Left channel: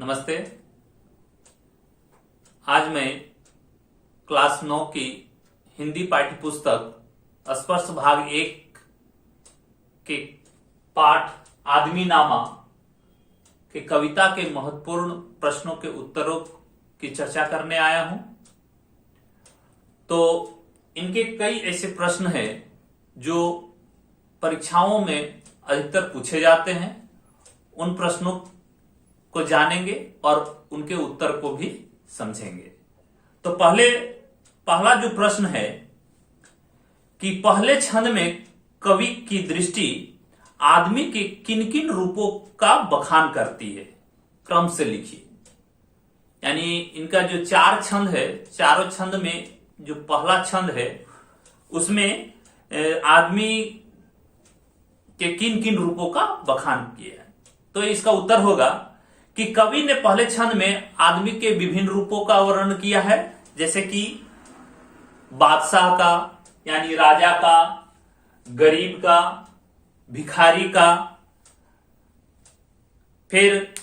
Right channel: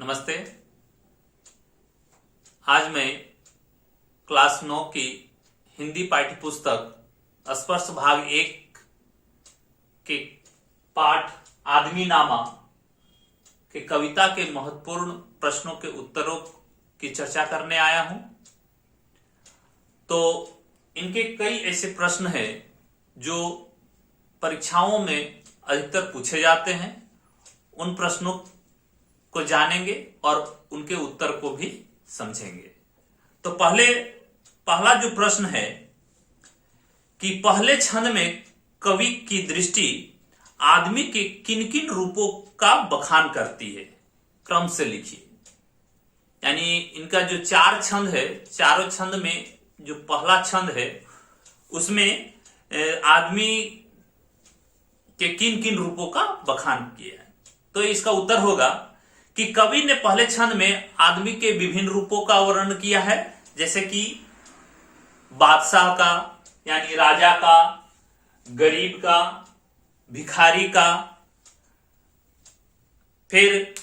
नमस्ते। आज मैं क्लास 9 की हिंदी पाठ्य पुस्तक स्पर्श भाग 1 के पाठ आदमी नामा के कविता के महत्वपूर्ण प्रश्नों के उत्तरों की चर्चा करने आया हूं। तो इनके कई ऐसे प्रश्न हैं जो परीक्षाओं में अधिकतर पूछे जाते हैं। उन प्रश्नों को जानेंगे और उनके उत्तर को भी समझेंगे। तो पहला जो प्रश्न है कि पहले छंद में कवि की दृष्टि आदमी के किन किन रूपों का बखान करती है, क्रम से लिखिए। यानी इनका जो 4 छंद है, चारों छंद में जो पहला छंद है उसमें आदमी के किन किन रूपों का बखान किया है। तो इसका उत्तर होगा कि कवि ने पहले छंद में आदमी के विभिन्न रूपों का वर्णन किया है, जैसे कि बादशाह का यानी राजा का, गरीब का, भिखारी का, फिर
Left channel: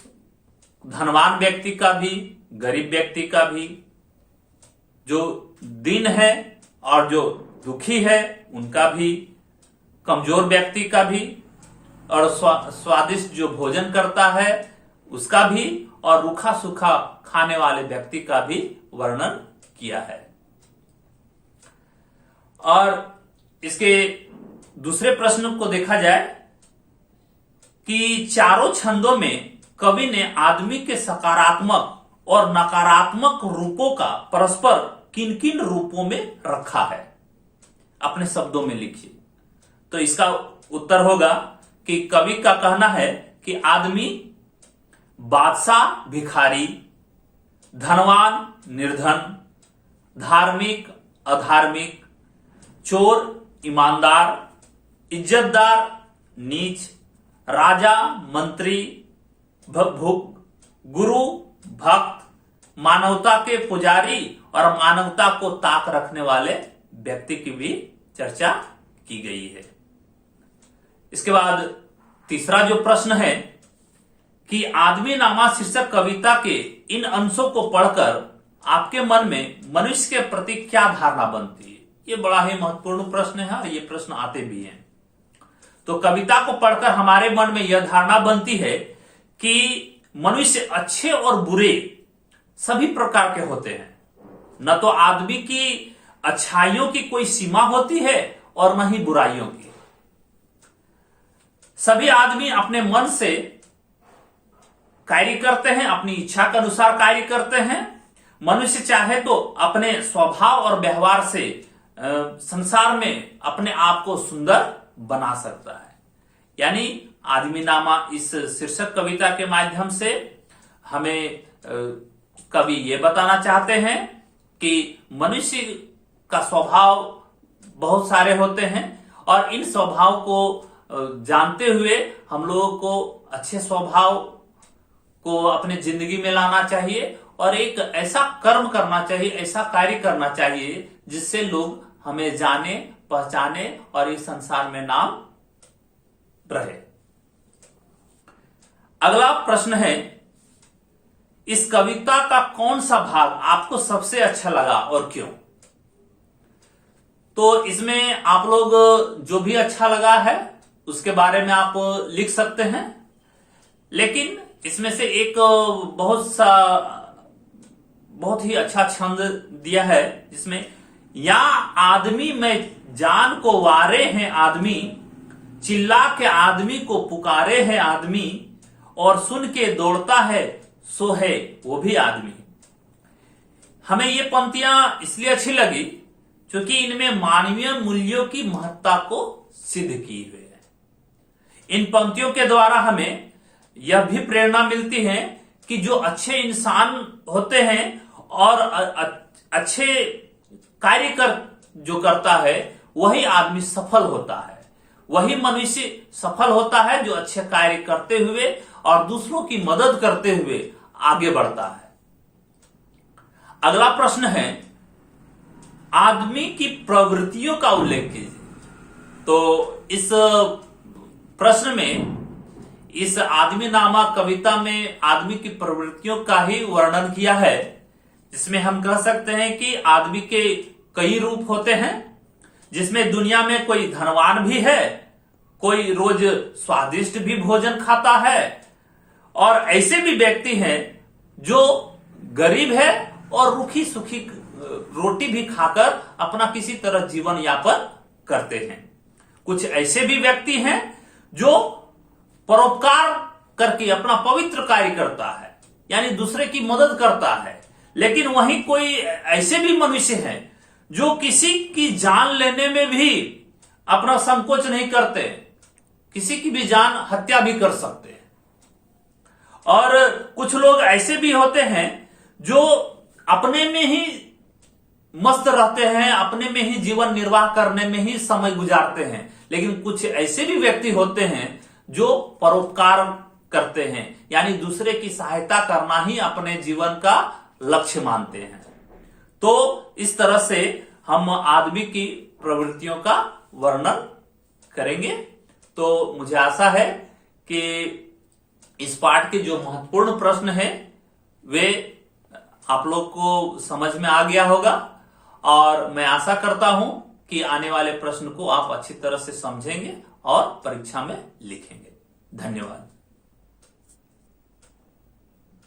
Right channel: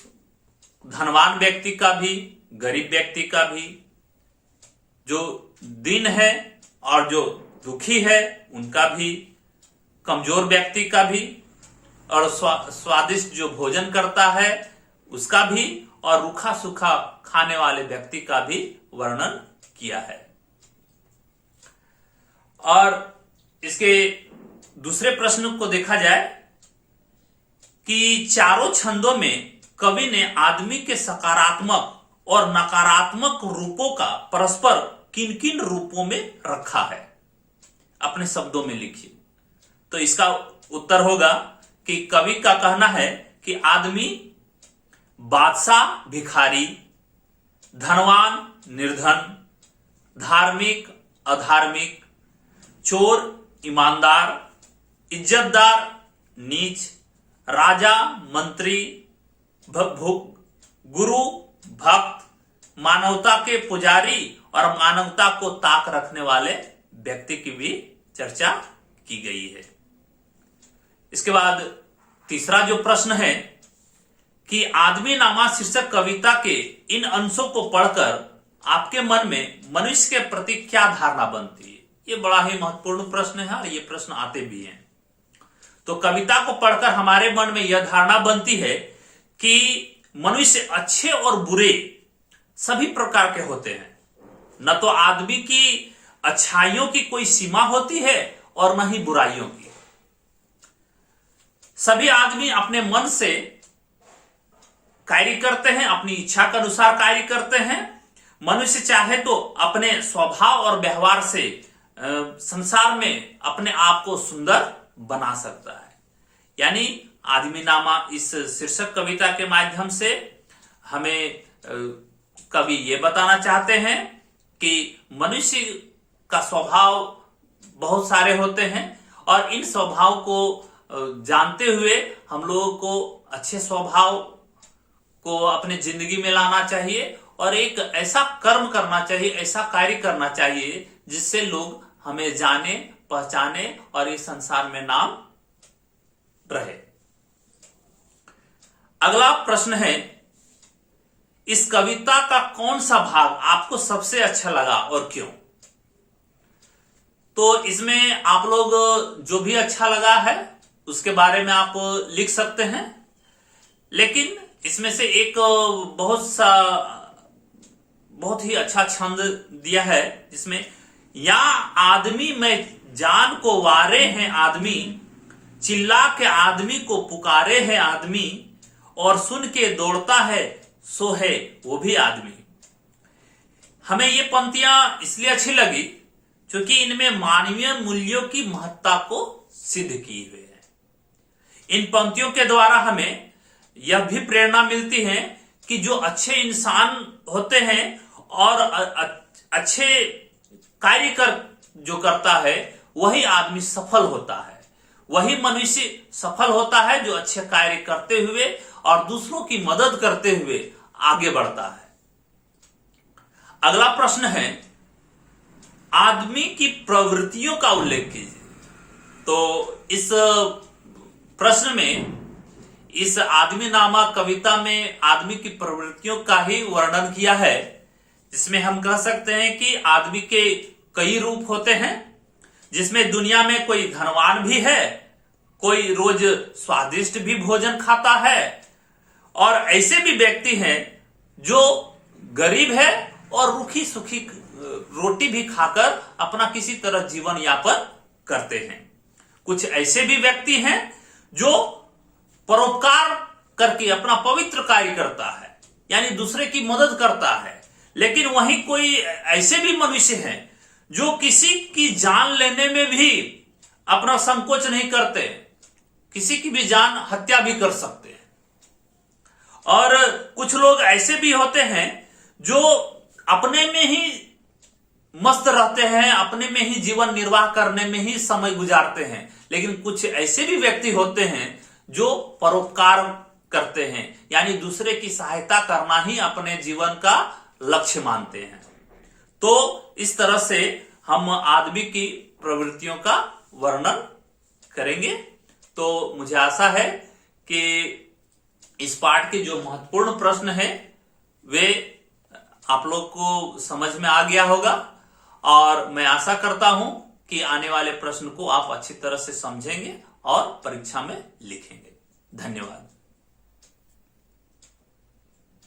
धनवान व्यक्ति का भी, गरीब व्यक्ति का भी, जो दीन है और जो दुखी है उनका भी, कमजोर व्यक्ति का भी, और स्वादिष्ट जो भोजन करता है उसका भी, और रूखा सूखा खाने वाले व्यक्ति का भी वर्णन किया है। और इसके दूसरे प्रश्न को देखा जाए कि चारों छंदों में कवि ने आदमी के सकारात्मक और नकारात्मक रूपों का परस्पर किन किन रूपों में रखा है, अपने शब्दों में लिखिए। तो इसका उत्तर होगा कि कवि का कहना है कि आदमी बादशाह भिखारी, धनवान निर्धन, धार्मिक अधार्मिक, चोर ईमानदार, इज्जतदार नीच, राजा मंत्री, गुरु भक्त, मानवता के पुजारी और मानवता को ताक रखने वाले व्यक्ति की भी चर्चा की गई है। इसके बाद तीसरा जो प्रश्न है कि आदमी नामा शीर्षक कविता के इन अंशों को पढ़कर आपके मन में मनुष्य के प्रति क्या धारणा बनती है। ये बड़ा ही महत्वपूर्ण प्रश्न है और ये प्रश्न आते भी हैं। तो कविता को पढ़कर हमारे मन में यह धारणा बनती है कि मनुष्य अच्छे और बुरे सभी प्रकार के होते हैं। न तो आदमी की अच्छाइयों की कोई सीमा होती है और न ही बुराइयों की। सभी आदमी अपने मन से कार्य करते हैं, अपनी इच्छा के अनुसार कार्य करते हैं। मनुष्य चाहे तो अपने स्वभाव और व्यवहार से संसार में अपने आप को सुंदर बना सकता है। यानी आदमी नामा इस शीर्षक कविता के माध्यम से हमें कवि ये बताना चाहते हैं कि मनुष्य का स्वभाव बहुत सारे होते हैं और इन स्वभाव को जानते हुए हम लोगों को अच्छे स्वभाव को अपने जिंदगी में लाना चाहिए और एक ऐसा कर्म करना चाहिए, ऐसा कार्य करना चाहिए जिससे लोग हमें जाने पहचाने और इस संसार में नाम रहे। अगला प्रश्न है, इस कविता का कौन सा भाग आपको सबसे अच्छा लगा और क्यों? तो इसमें आप लोग जो भी अच्छा लगा है उसके बारे में आप लिख सकते हैं, लेकिन इसमें से एक बहुत ही अच्छा छंद दिया है जिसमें या आदमी में जान को वारे हैं आदमी, चिल्ला के आदमी को पुकारे है आदमी, और सुन के दौड़ता है सो है वो भी आदमी। हमें ये पंक्तियां इसलिए अच्छी लगी क्योंकि इनमें मानवीय मूल्यों की महत्ता को सिद्ध की हुई है। इन पंक्तियों के द्वारा हमें यह भी प्रेरणा मिलती है कि जो अच्छे इंसान होते हैं और अच्छे कार्य जो करता है वही आदमी सफल होता है, वही मनुष्य सफल होता है जो अच्छे कार्य करते हुए और दूसरों की मदद करते हुए आगे बढ़ता है। अगला प्रश्न है, आदमी की प्रवृत्तियों का उल्लेख कीजिए। तो इस प्रश्न में इस आदमी नामा कविता में आदमी की प्रवृत्तियों का ही वर्णन किया है, जिसमें हम कह सकते हैं कि आदमी के कई रूप होते हैं, जिसमें दुनिया में कोई धनवान भी है, कोई रोज स्वादिष्ट भी भोजन खाता है, और ऐसे भी व्यक्ति हैं जो गरीब है और रूखी सूखी रोटी भी खाकर अपना किसी तरह जीवन यापन करते हैं। कुछ ऐसे भी व्यक्ति हैं जो परोपकार करके अपना पवित्र कार्य करता है, यानी दूसरे की मदद करता है। लेकिन वहीं कोई ऐसे भी मनुष्य हैं जो किसी की जान लेने में भी अपना संकोच नहीं करते, किसी की भी जान हत्या भी कर सकते हैं। और कुछ लोग ऐसे भी होते हैं जो अपने में ही मस्त रहते हैं, अपने में ही जीवन निर्वाह करने में ही समय गुजारते हैं। लेकिन कुछ ऐसे भी व्यक्ति होते हैं जो परोपकार करते हैं, यानी दूसरे की सहायता करना ही अपने जीवन का लक्ष्य मानते हैं। तो इस तरह से हम आदमी की प्रवृत्तियों का वर्णन करेंगे। तो मुझे आशा है कि इस पाठ के जो महत्वपूर्ण प्रश्न है वे आप लोग को समझ में आ गया होगा, और मैं आशा करता हूं कि आने वाले प्रश्न को आप अच्छी तरह से समझेंगे और परीक्षा में लिखेंगे। धन्यवाद।